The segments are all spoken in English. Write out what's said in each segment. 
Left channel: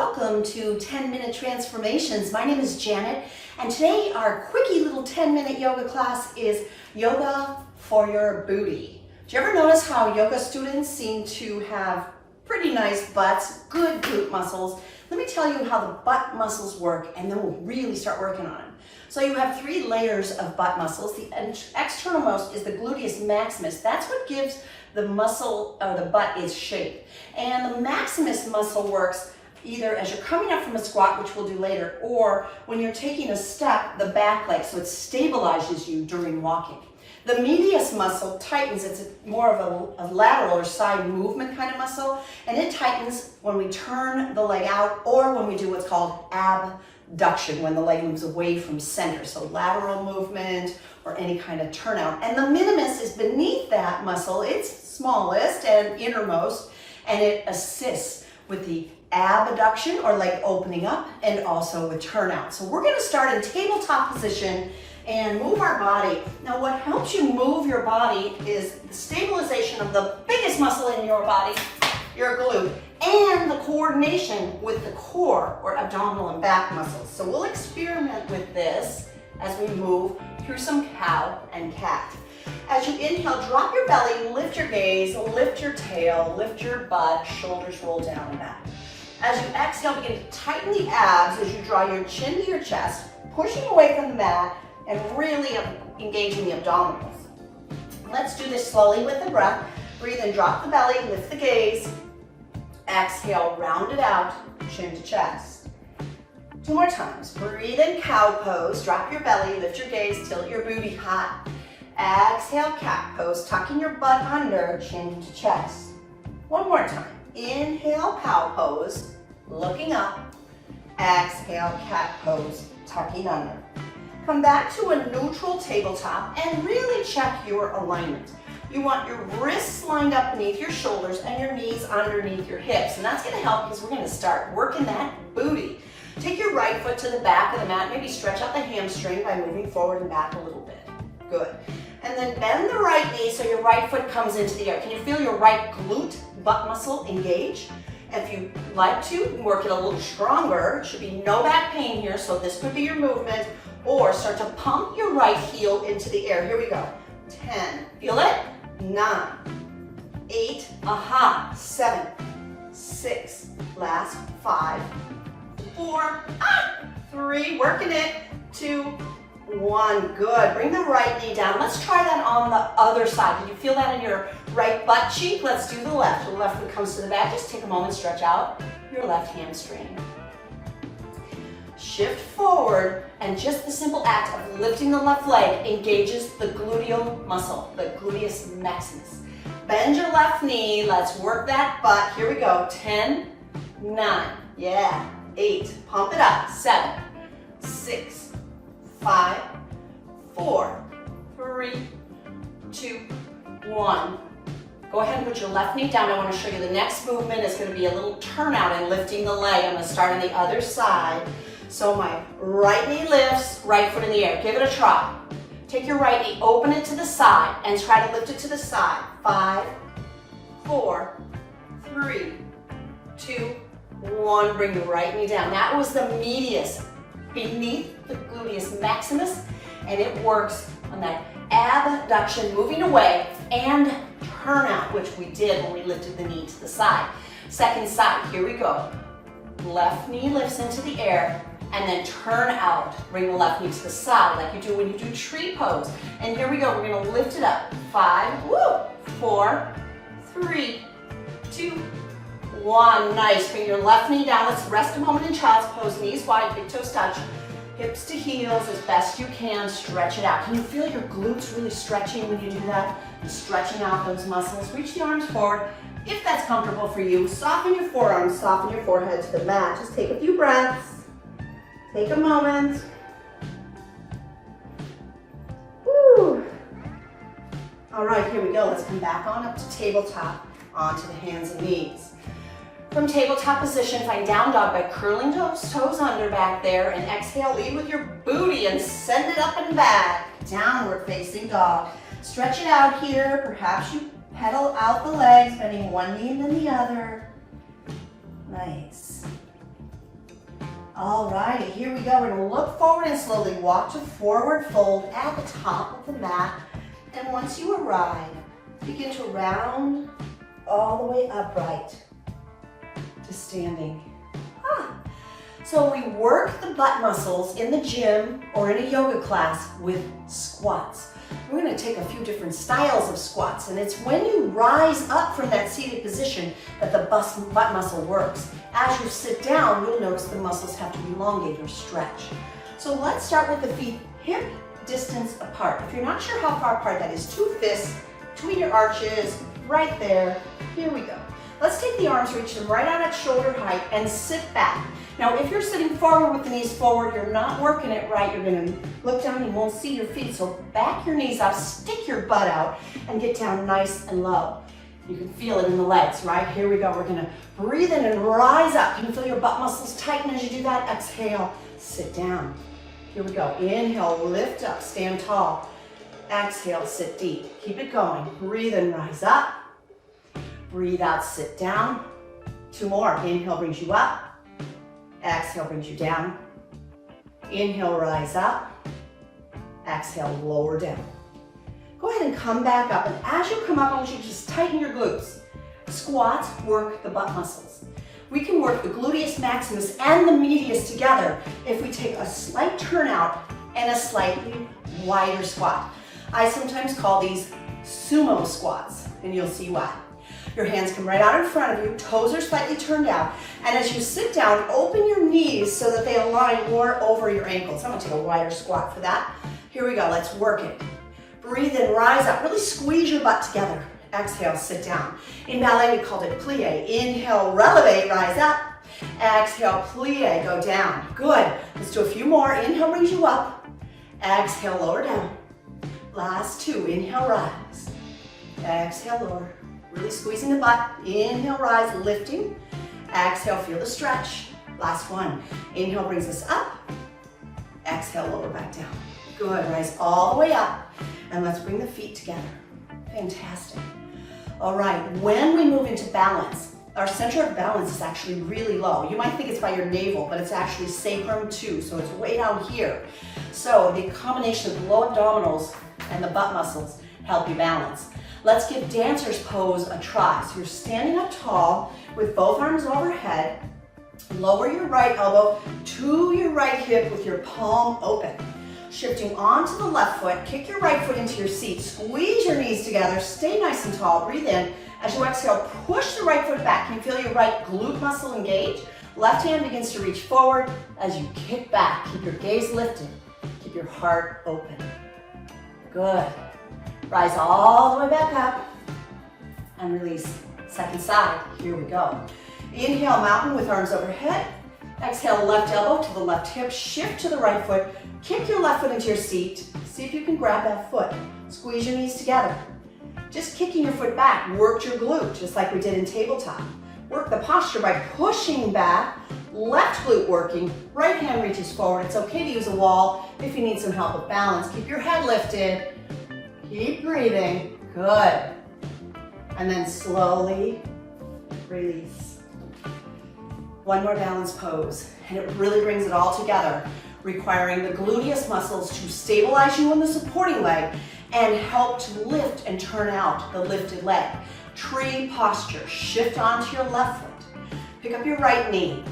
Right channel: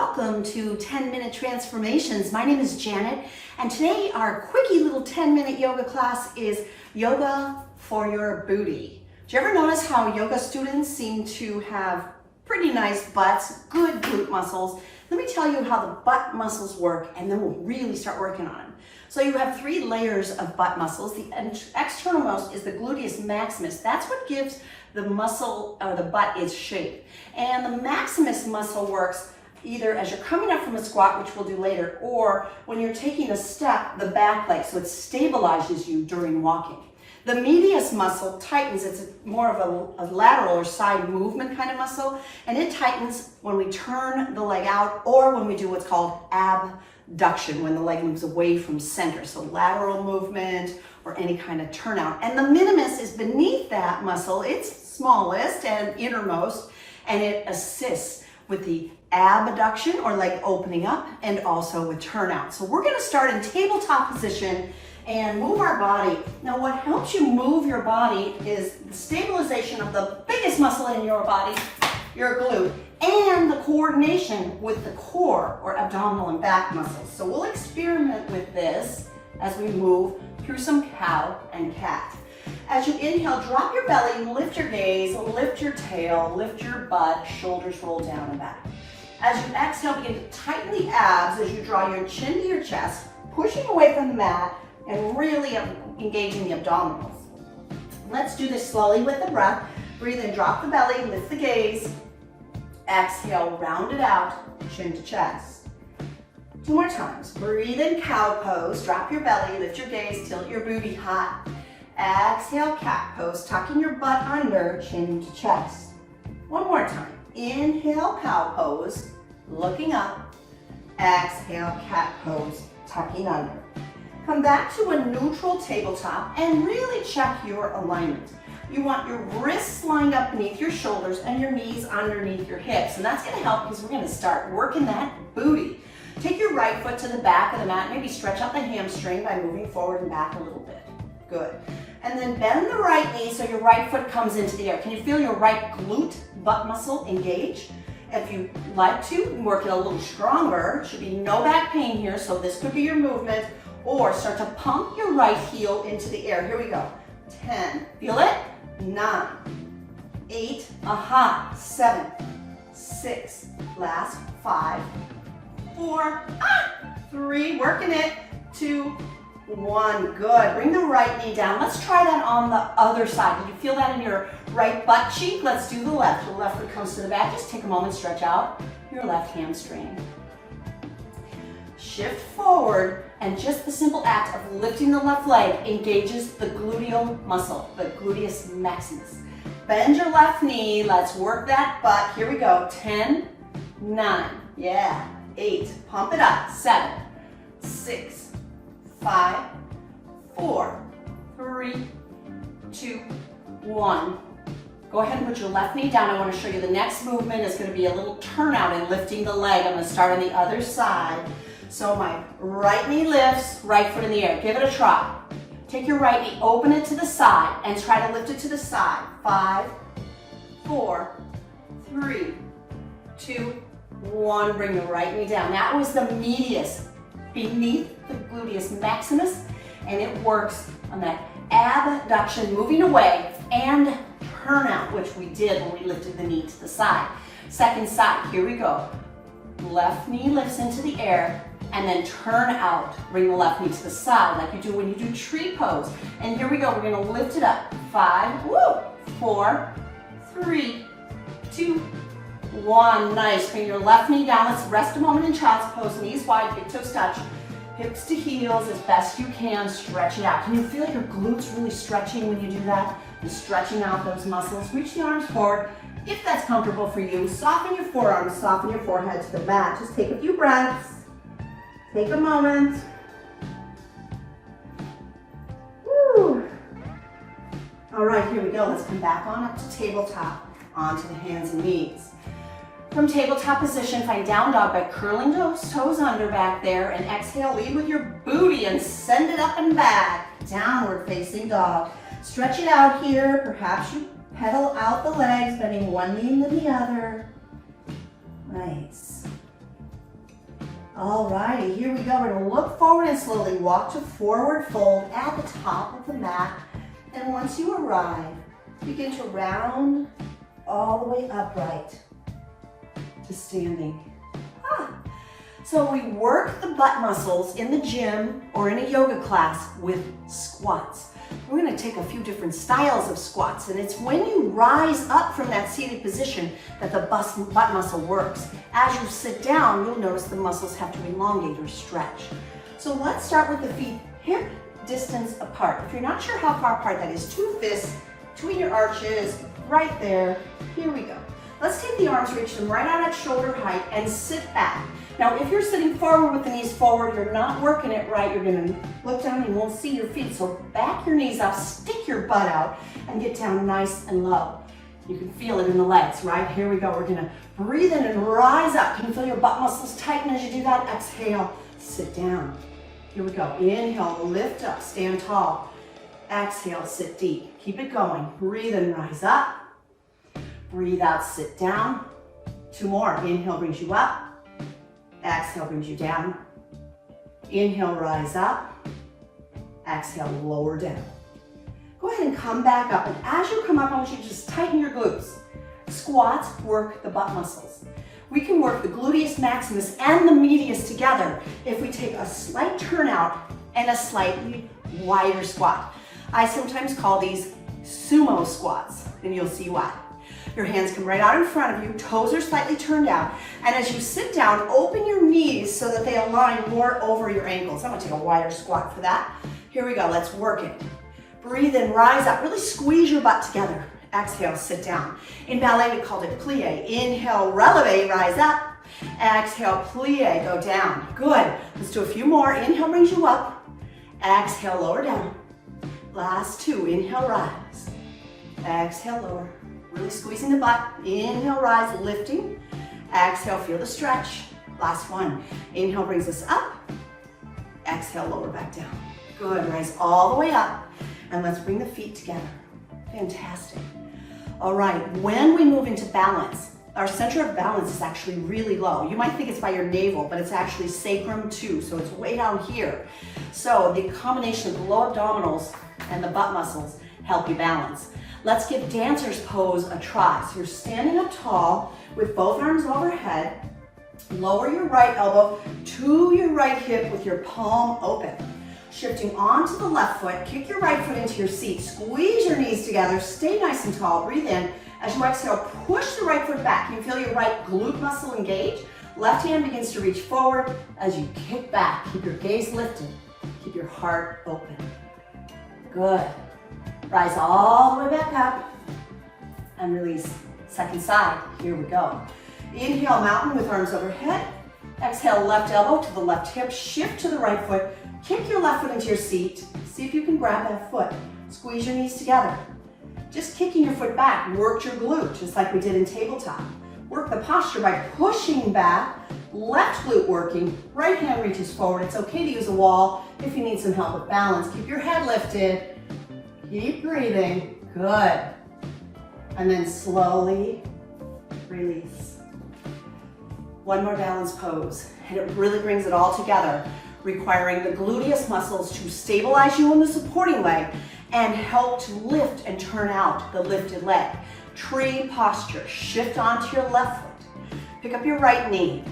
Welcome to 10-Minute Transformations. My name is Janet, and today our quickie little 10-minute yoga class is yoga for your booty. Do you ever notice how yoga students seem to have pretty nice butts, good glute muscles? Let me tell you how the butt muscles work, and then we'll really start working on them. So you have 3 layers of butt muscles. The externalmost is the gluteus maximus. That's what gives the muscle or the butt its shape. And the maximus muscle works either as you're coming up from a squat, which we'll do later, or when you're taking a step, the back leg, so it stabilizes you during walking. The medius muscle tightens. It's more of a lateral or side movement kind of muscle, and it tightens when we turn the leg out or when we do what's called abduction, when the leg moves away from center. So lateral movement or any kind of turnout. And the minimus is beneath that muscle. It's smallest and innermost, and it assists with the abduction or leg opening up and also with turnout. So we're going to start in tabletop position and move our body. Now what helps you move your body is the stabilization of the biggest muscle in your body, your glute, and the coordination with the core or abdominal and back muscles. So we'll experiment with this as we move through some cow and cat. As you inhale, drop your belly, lift your gaze, lift your tail, lift your butt, shoulders roll down and back. As you exhale, begin to tighten the abs as you draw your chin to your chest, pushing away from the mat and really engaging the abdominals. Let's do this slowly with the breath. Breathe in, drop the belly, lift the gaze. Exhale, round it out, chin to chest. 2 more times. Breathe in, cow pose, drop your belly, lift your gaze, tilt your booty high. Exhale, cat pose, tucking your butt under, chin to chest. 1 more time. Inhale, cow pose, looking up. Exhale, cat pose, tucking under. Come back to a neutral tabletop and really check your alignment. You want your wrists lined up beneath your shoulders and your knees underneath your hips. And that's going to help because we're going to start working that booty. Take your right foot to the back of the mat. Maybe stretch out the hamstring by moving forward and back a little bit. Good. And then bend the right knee so your right foot comes into the air. Can you feel your right glute butt muscle engage? If you like to, work it a little stronger. Should be no back pain here, so this could be your movement. Or start to pump your right heel into the air. Here we go. 10. Feel it? 9. 8. Aha. 7. 6. Last. 5. 4. 3. Working it. 2. 1, good. Bring the right knee down. Let's try that on the other side. Did you feel that in your right butt cheek? Let's do the left. The left foot comes to the back. Just take a moment, stretch out your left hamstring. Shift forward, and just the simple act of lifting the left leg engages the gluteal muscle, the gluteus maximus. Bend your left knee. Let's work that butt. Here we go. 10, 9, yeah, 8, pump it up, 7, 6, 5, 4, 3, 2, 1. Go ahead and put your left knee down. I want to show you the next movement is going to be a little turnout and lifting the leg. I'm going to start on the other side. So my right knee lifts, right foot in the air. Give it a try. Take your right knee, open it to the side, and try to lift it to the side. 5, 4, 3, 2, 1. Bring the right knee down. That was the medius beneath the gluteus maximus, and it works on that abduction, moving away, and turnout, which we did when we lifted the knee to the side. Second side, here we go. Left knee lifts into the air, and then turn out. Bring the left knee to the side like you do when you do tree pose. And here we go, we're gonna lift it up. 5, 4, 3, 2, 1. Nice. Bring your left knee down. Let's rest a moment in child's pose. Knees wide, big toes touch. Hips to heels as best you can. Stretch it out. Can you feel your glutes really stretching when you do that? You're stretching out those muscles. Reach the arms forward. If that's comfortable for you, soften your forearms, soften your forehead to the mat. Just take a few breaths. Take a moment. Woo. All right, here we go. Let's come back on up to tabletop, onto the hands and knees. From tabletop position, find down dog by curling toes under back there, and exhale, lead with your booty and send it up and back. Downward facing dog. Stretch it out here. Perhaps you pedal out the legs, bending one knee and then the other. Nice. All righty, here we go. We're gonna look forward and slowly walk to forward fold at the top of the mat. And once you arrive, begin to round all the way upright to standing. So we work the butt muscles in the gym or in a yoga class with squats. We're gonna take a few different styles of squats, and it's when you rise up from that seated position that the butt muscle works. As you sit down, you'll notice the muscles have to elongate or stretch. So let's start with the feet hip distance apart. If you're not sure how far apart that is, 2 fists between your arches, right there. Here we go. Let's take the arms, reach them right out at shoulder height and sit back. Now, if you're sitting forward with the knees forward, you're not working it right. You're gonna look down and you won't see your feet. So back your knees up, stick your butt out, and get down nice and low. You can feel it in the legs, right? Here we go. We're gonna breathe in and rise up. You can feel your butt muscles tighten as you do that. Exhale, sit down. Here we go. Inhale, lift up, stand tall. Exhale, sit deep. Keep it going. Breathe in, rise up. Breathe out, sit down. 2 more. Inhale brings you up. Exhale brings you down. Inhale, rise up. Exhale, lower down. Go ahead and come back up. And as you come up, I want you to just tighten your glutes. Squats work the butt muscles. We can work the gluteus maximus and the medius together if we take a slight turnout and a slightly wider squat. I sometimes call these sumo squats, and you'll see why. Your hands come right out in front of you, toes are slightly turned out, and as you sit down, open your knees so that they align more over your ankles. I'm gonna take a wider squat for that. Here we go, let's work it. Breathe in, rise up, really squeeze your butt together. Exhale, sit down. In ballet, we called it plie. Inhale, releve, rise up. Exhale, plie, go down. Good, let's do a few more. Inhale brings you up. Exhale, lower down. Last 2, inhale, rise. Exhale, lower. Really squeezing the butt. Inhale, rise, lifting. Exhale, feel the stretch. Last 1. Inhale brings us up. Exhale, lower back down. Good, rise all the way up. And let's bring the feet together. Fantastic. All right, when we move into balance, our center of balance is actually really low. You might think it's by your navel, but it's actually sacrum too, so it's way down here. So the combination of the low abdominals and the butt muscles help you balance. Let's give dancer's pose a try. So you're standing up tall with both arms overhead. Lower your right elbow to your right hip with your palm open. Shifting onto the left foot, kick your right foot into your seat. Squeeze your knees together, stay nice and tall. Breathe in. As you exhale, push the right foot back. Can you feel your right glute muscle engage? Left hand begins to reach forward as you kick back. Keep your gaze lifted. Keep your heart open. Good. Rise all the way back up and release. Second side, here we go. Inhale, mountain with arms overhead. Exhale, left elbow to the left hip. Shift to the right foot. Kick your left foot into your seat. See if you can grab that foot. Squeeze your knees together. Just kicking your foot back worked your glute, just like we did in tabletop. Work the posture by pushing back. Left glute working. Right hand reaches forward. It's okay to use a wall if you need some help with balance. Keep your head lifted. Keep breathing. Good. And then slowly release. One more balance pose, and it really brings it all together, requiring the gluteus muscles to stabilize you in the supporting leg and help to lift and turn out the lifted leg. Tree posture. Shift onto your left foot. Pick up your right knee.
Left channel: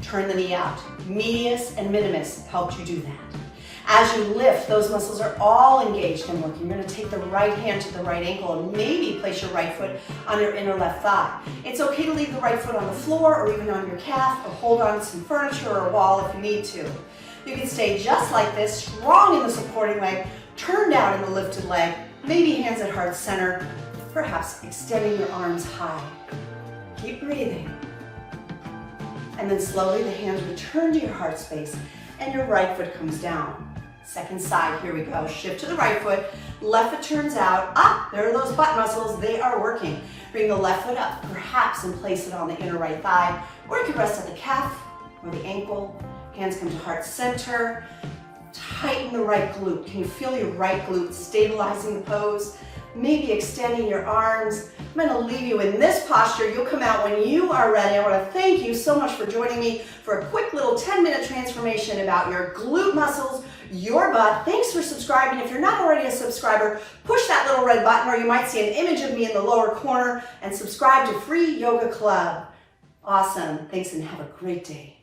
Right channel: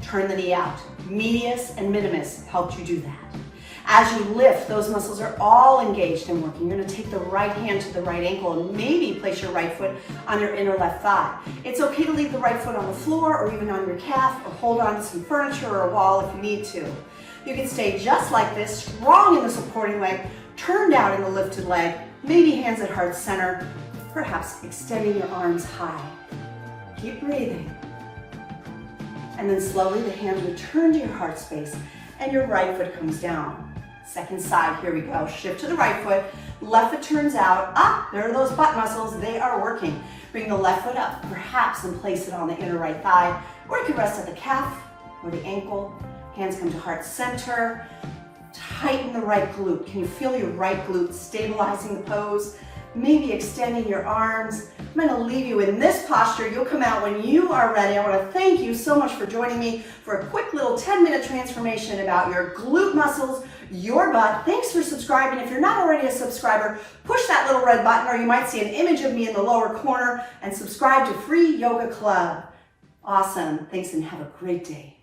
Turn the knee out. Medius and minimus helped you do that. As you lift, those muscles are all engaged and working. You're going to take the right hand to the right ankle and maybe place your right foot on your inner left thigh. It's okay to leave the right foot on the floor or even on your calf, or hold on to some furniture or a wall if you need to. You can stay just like this, strong in the supporting leg, turned out in the lifted leg, maybe hands at heart center, perhaps extending your arms high. Keep breathing. And then slowly the hands return to your heart space and your right foot comes down. Second side, here we go. Shift to the right foot, left foot turns out, up. There are those butt muscles, they are working. Bring the left foot up, perhaps, and place it on the inner right thigh, or you can rest at the calf or the ankle. Hands come to heart center. Tighten the right glute. Can you feel your right glute stabilizing the pose? maybe extending your arms. I'm gonna leave you in this posture. You'll come out when you are ready. I wanna thank you so much for joining me for a quick little 10-minute transformation about your glute muscles, your butt. Thanks for subscribing. If you're not already a subscriber, push that little red button, or you might see an image of me in the lower corner, and subscribe to Free Yoga Club. Awesome. Thanks and have a great day.